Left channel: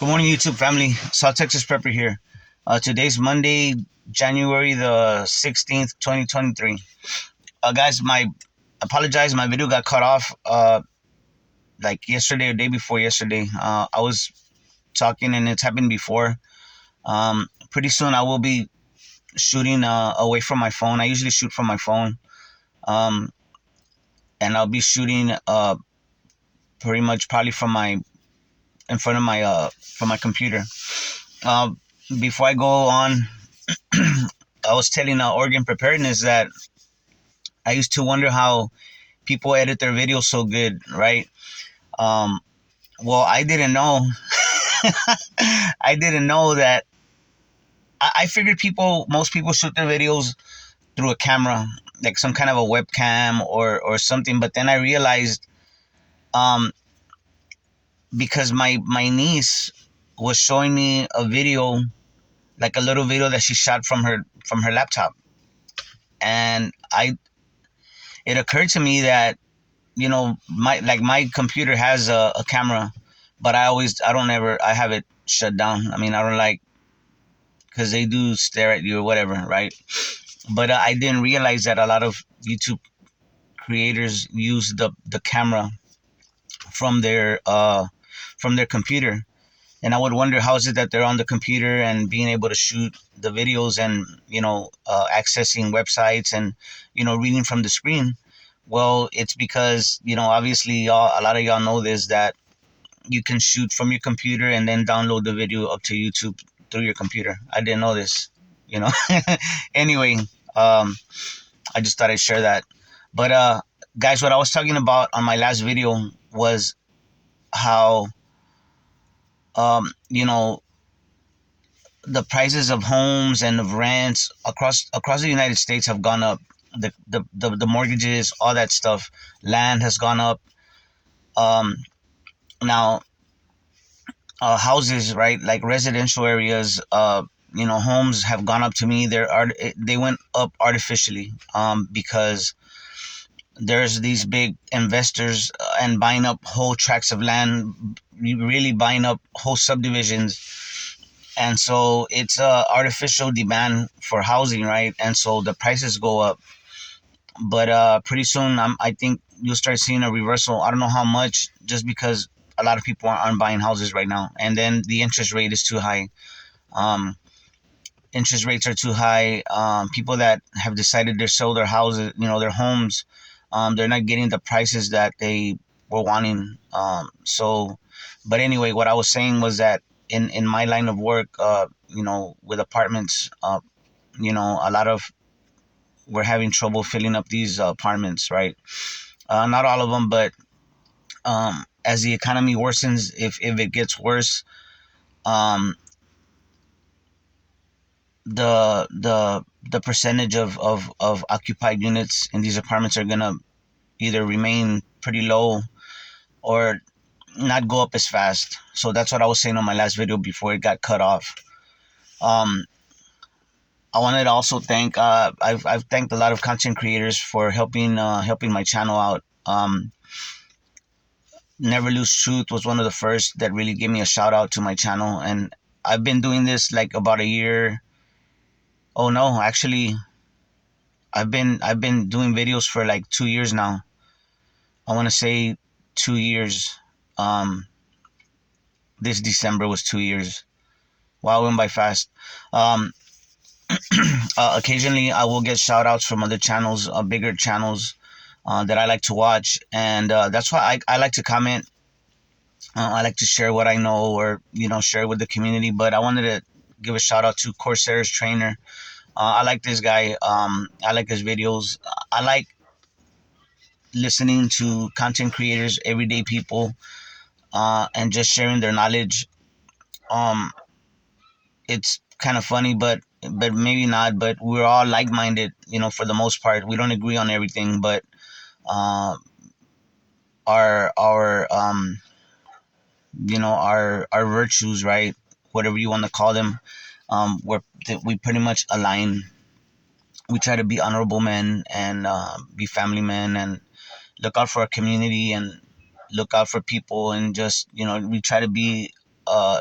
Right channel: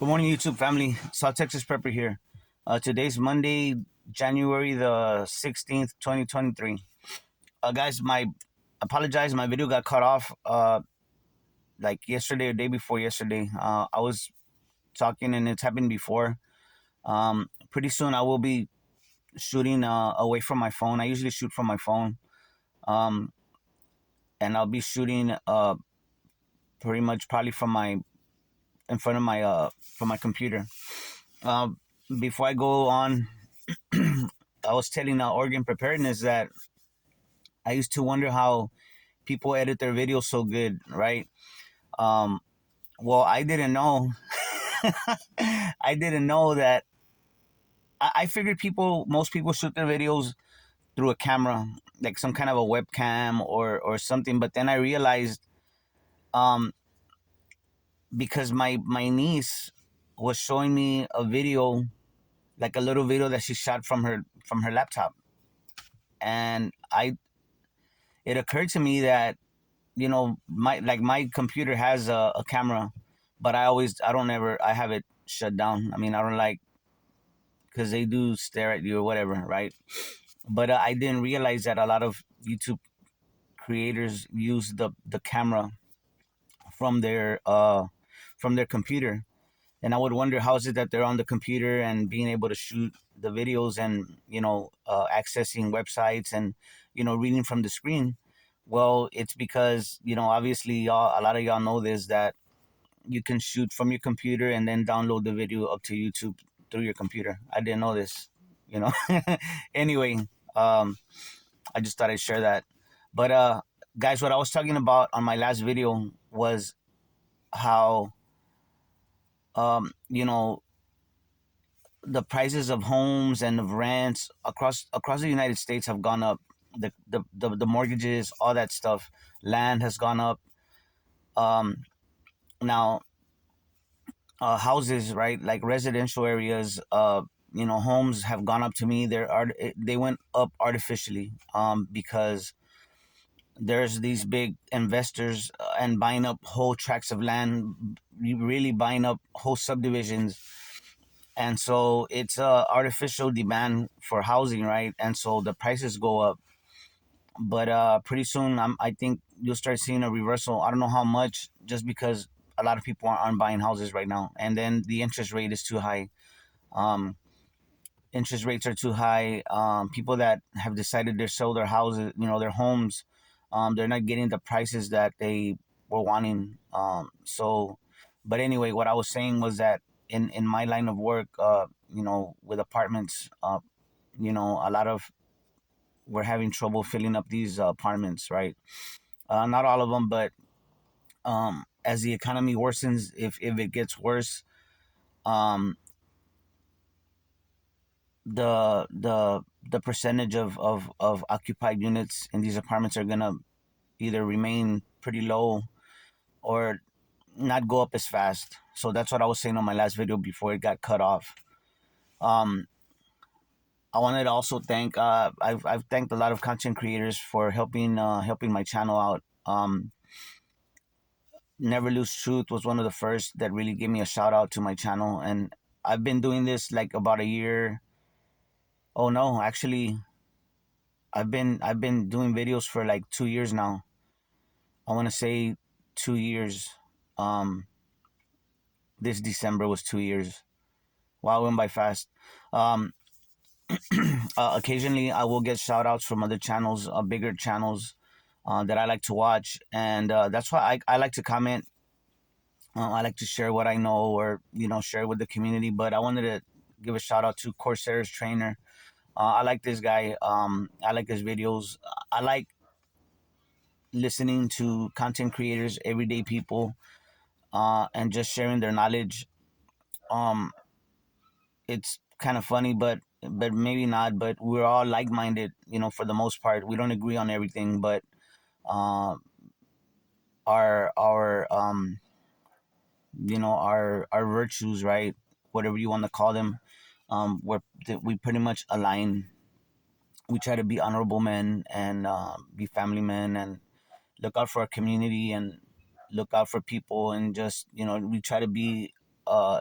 Good morning, YouTube family. South Texas Prepper here. Today's Monday, January the 16th, 2023. Guys, my apologize. My video got cut off like yesterday or day before yesterday. I was talking and it's happened before. Pretty soon I will be shooting away from my phone. I usually shoot from my phone. Um, and I'll be shooting pretty much probably from my in front of my from my computer. Uh, Before I go on, I was telling Oregon Preparedness that I used to wonder how people edit their videos so good, right? Um, well, I didn't know. I didn't know that. I figured most people shoot their videos through a camera, like some kind of a webcam or something. But then I realized, um, because my niece was showing me a video, like a little video that she shot from her laptop, and it occurred to me that my computer has a camera, but I have it shut down. I mean, I don't like, because they do stare at you or whatever, right? But I didn't realize that a lot of YouTube creators use the camera from their uh from their computer. And I would wonder, how is it that they're on the computer and being able to shoot the videos and accessing websites and reading from the screen. Well, it's because obviously a lot of y'all know this, that you can shoot from your computer and then download the video up to YouTube through your computer. I didn't know this, you know. Anyway, I just thought I'd share that. But guys, what I was talking about on my last video was how you know, the prices of homes and of rents across the United States have gone up. The mortgages, all that stuff, land has gone up. Um, Now, houses, right, like residential areas, homes have gone up. To me, they went up artificially, because there's these big investors and buying up whole tracts of land, really buying up whole subdivisions, and so it's a artificial demand for housing, right? And so the prices go up. But pretty soon, I think you'll start seeing a reversal. I don't know how much, just because a lot of people aren't buying houses right now, and then the interest rate is too high. Um, Interest rates are too high. People that have decided to sell their houses, their homes, they're not getting the prices that they were wanting. But anyway, what I was saying was that in my line of work, with apartments, a lot of we're having trouble filling up these apartments, right? Not all of them, but as the economy worsens, if it gets worse, um, the percentage of occupied units in these apartments are gonna either remain pretty low or not go up as fast. So that's what I was saying on my last video before it got cut off. Um, I wanted to also thank I've thanked a lot of content creators for helping my channel out. Never Lose Truth was one of the first that really gave me a shout out to my channel, and I've been doing this like about a year. Oh no, actually, I've been doing videos for like 2 years now. I want to say 2 years. Um, this December was 2 years. Wow, it went by fast. Um, Occasionally, I will get shout outs from other channels, bigger channels that I like to watch, and that's why I like to comment. I like to share what I know, or share with the community. But I wanted to give a shout out to Corsair's trainer. I like this guy. I like his videos. I like listening to content creators, everyday people, and just sharing their knowledge. Um, it's kind of funny, but maybe not. But we're all like minded, for the most part. We don't agree on everything, but uh, our virtues, right? Whatever you want to call them, we pretty much align. We try to be honorable men and be family men and look out for our community and look out for people, and just we try to be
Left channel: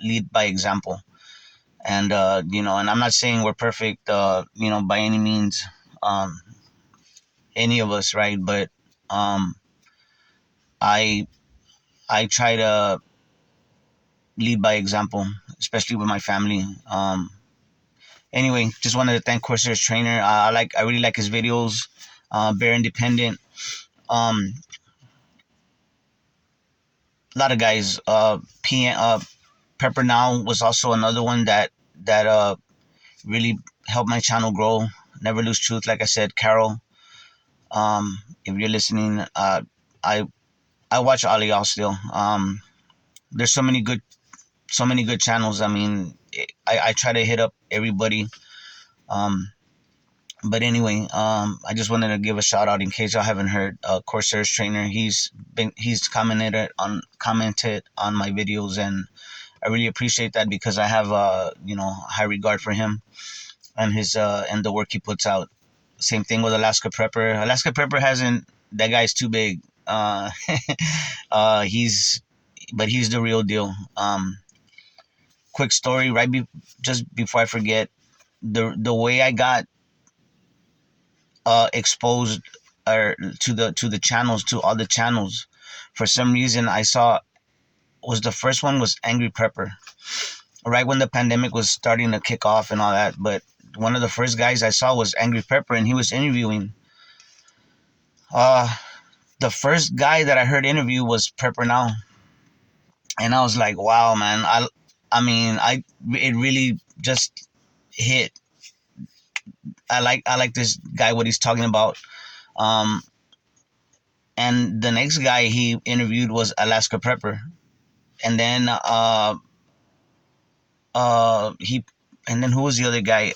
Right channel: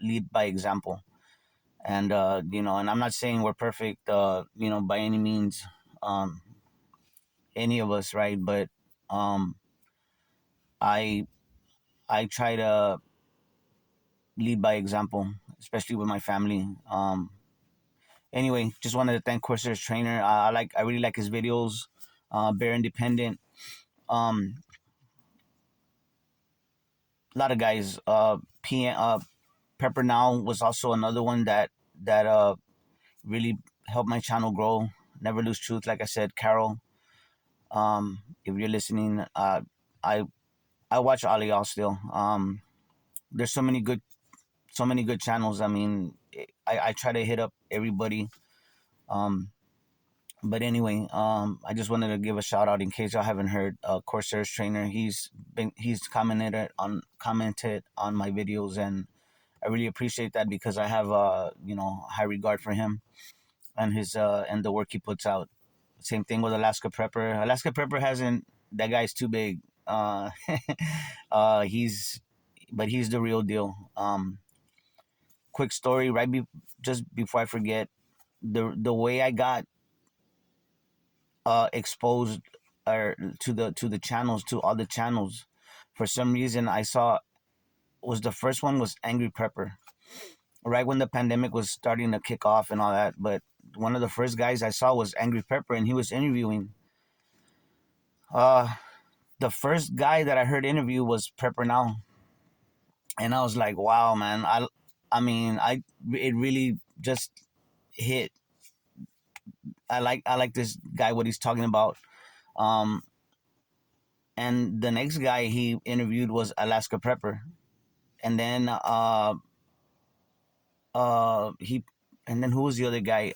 lead by example. And and I'm not saying we're perfect, by any means, um, any of us, right? But um, I I try to lead by example, especially with my family. Anyway, just wanted to thank Corsair's trainer. I really like his videos. Very independent. Um, a lot of guys. Pepper Now was also another one that really helped my channel grow. Never Lose Truth, like I said, Carol. If you're listening, I I watch all of y'all still. There's so many good channels. I mean, I try to hit up everybody. Um, but anyway, I just wanted to give a shout out in case y'all haven't heard. Corsair's trainer. He's commented on my videos, and I really appreciate that because I have high regard for him and his and the work he puts out. Same thing with Alaska Prepper. Alaska Prepper hasn't. That guy's too big. He's but he's the real deal. Quick story, just before I forget, the way I got exposed or to the channels, to all the channels, for some reason I saw was the first one was Angry Prepper, right when the pandemic was starting to kick off and all that. But one of the first guys I saw was Angry Prepper, and he was interviewing. Uh, the first guy that I heard interview was Prepper Now, and I was like, wow, man. I it really just hit. I like this guy, what he's talking about. Um, and the next guy he interviewed was Alaska Prepper, and then he and then who was the other guy?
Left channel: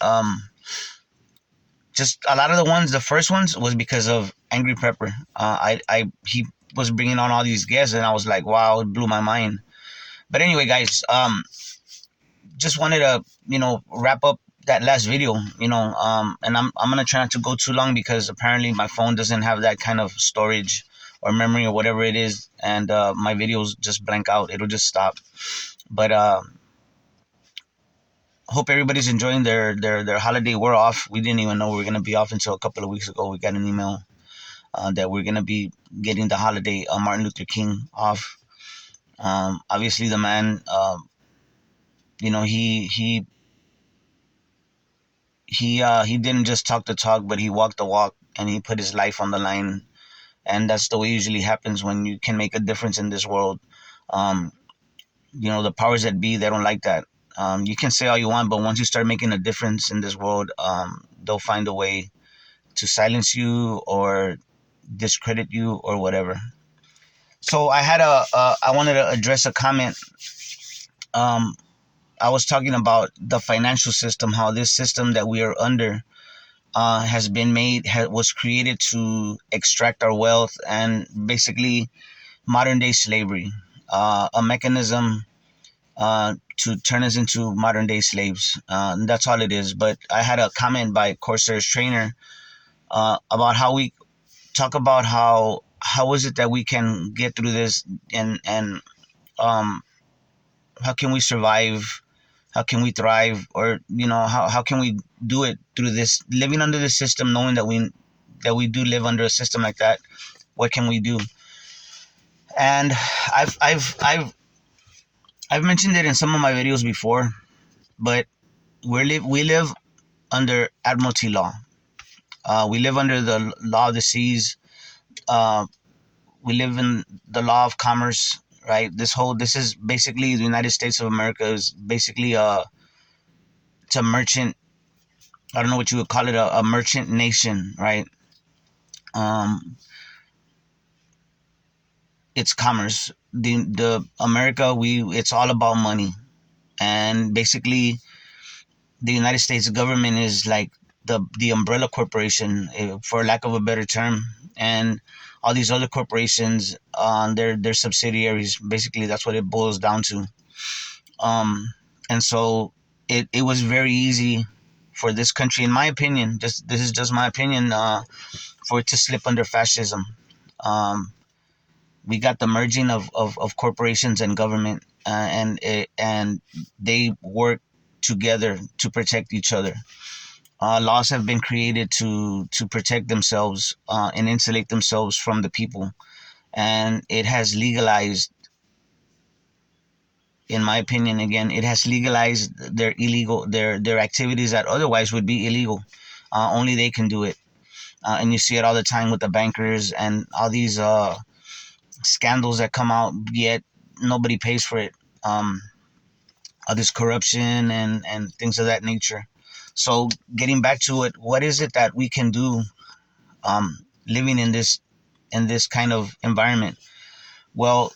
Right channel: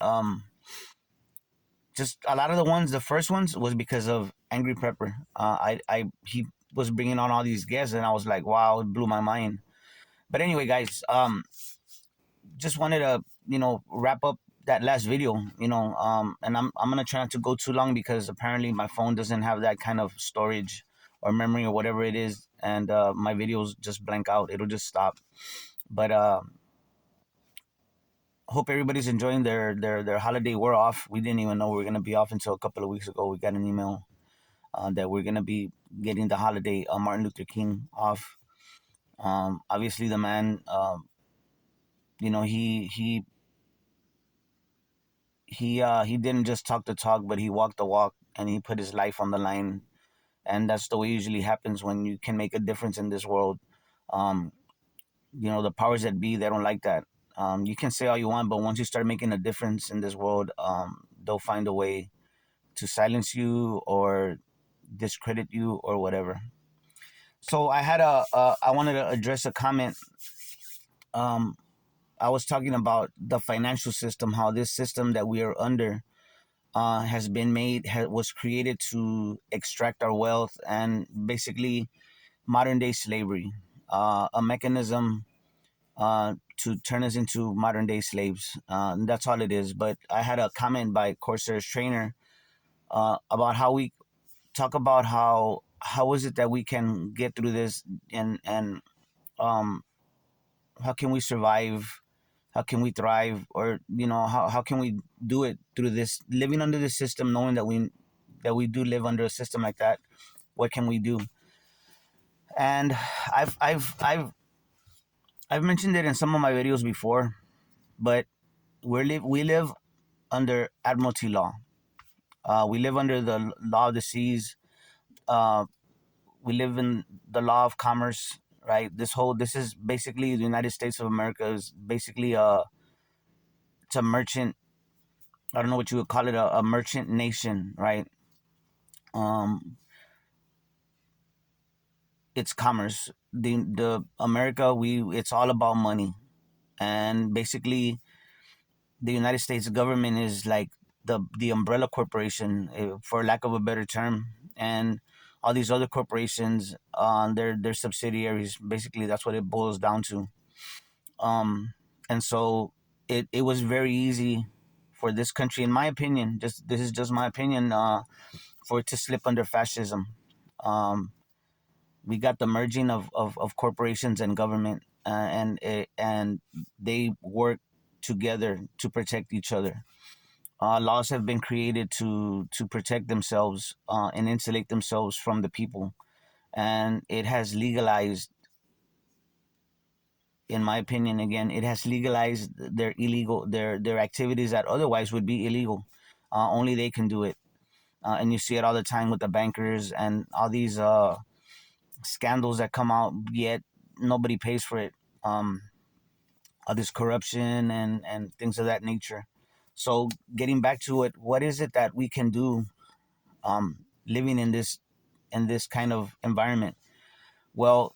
Just a lot of the first ones was because of Angry Prepper. I he was bringing on all these guests, and I was like, wow, it blew my mind. But anyway, guys, just wanted to wrap up that last video, and I'm gonna try not to go too long because apparently my phone doesn't have that kind of storage or memory or whatever it is, and my videos just blank out. It'll just stop. But hope everybody's enjoying their holiday. We're off. We didn't even know we were gonna be off until a couple of weeks ago. We got an email that we're gonna be getting the holiday Martin Luther King off. Obviously, the man, he didn't just talk the talk, but he walked the walk, and he put his life on the line. And that's the way it usually happens when you can make a difference in this world. Um, the powers that be, they don't like that. You can say all you want, but once you start making a difference in this world, they'll find a way to silence you or discredit you or whatever. So I wanted to address a comment. Um, I was talking about the financial system, how this system that we are under has been was created to extract our wealth, and basically modern day slavery, a mechanism to turn us into modern day slaves. And that's all it is. But I had a comment by Corsair's trainer about how we talk about how is it that we can get through this, and um, how can we survive, how can we thrive, or how can we do it through this living under the system, knowing that we do live under a system like that. What can we do? And I've mentioned it in some of my videos before, but we live under Admiralty Law. We live under the law of the seas. Uh, we live in the law of commerce, right? This is basically the United States of America is basically it's a merchant. I don't know what you would call it, a merchant nation, right? Um, it's commerce. The America, it's all about money, and basically the United States government is like the umbrella corporation, for lack of a better term, and all these other corporations, they're subsidiaries. Basically, that's what it boils down to. And so it was very easy for this country, in my opinion. This is just my opinion, for it to slip under fascism. We got the merging of corporations and government, and they work together to protect each other. Laws have been created to protect themselves and insulate themselves from the people, and it has legalized, in my opinion, again, it has legalized their activities that otherwise would be illegal. Only they can do it, and you see it all the time with the bankers and all these scandals that come out. Yet nobody pays for it. All this corruption and things of that nature. So getting back to it, what is it that we can do living in this kind of environment? Well,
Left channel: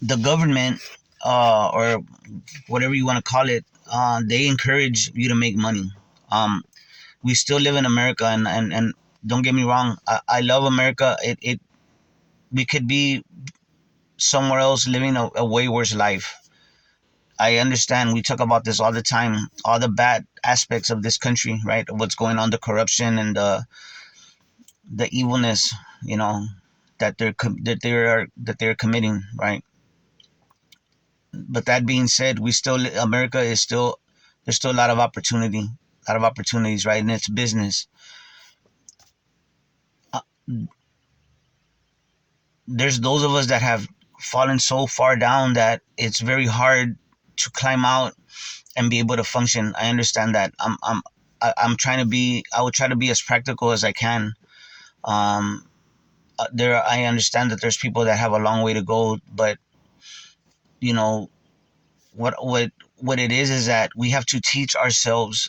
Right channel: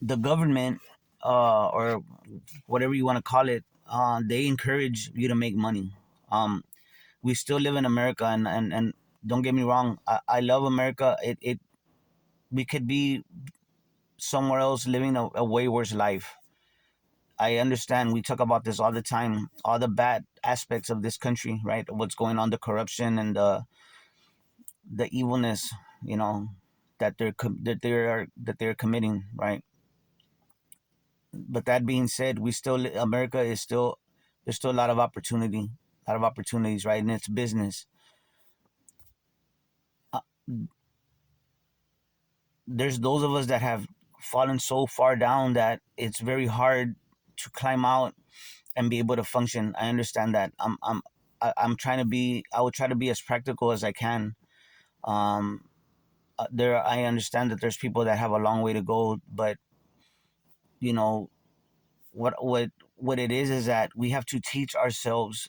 the government, or whatever you want to call it, they encourage you to make money. We still live in America, and don't get me wrong, I love America. It We could be somewhere else living a way worse life. I understand, we talk about this all the time, all the bad aspects of this country, right? What's going on, the corruption and the evilness, you know, that they're committing, right? But that being said, America is still, there's still a lot of opportunities, right? And it's business. Uh, there's those of us that have fallen so far down that it's very hard to climb out and be able to function. I understand that. I'm trying to be. I will try to be as practical as I can. Um, I understand that there's people that have a long way to go, but you know what it is that we have to teach ourselves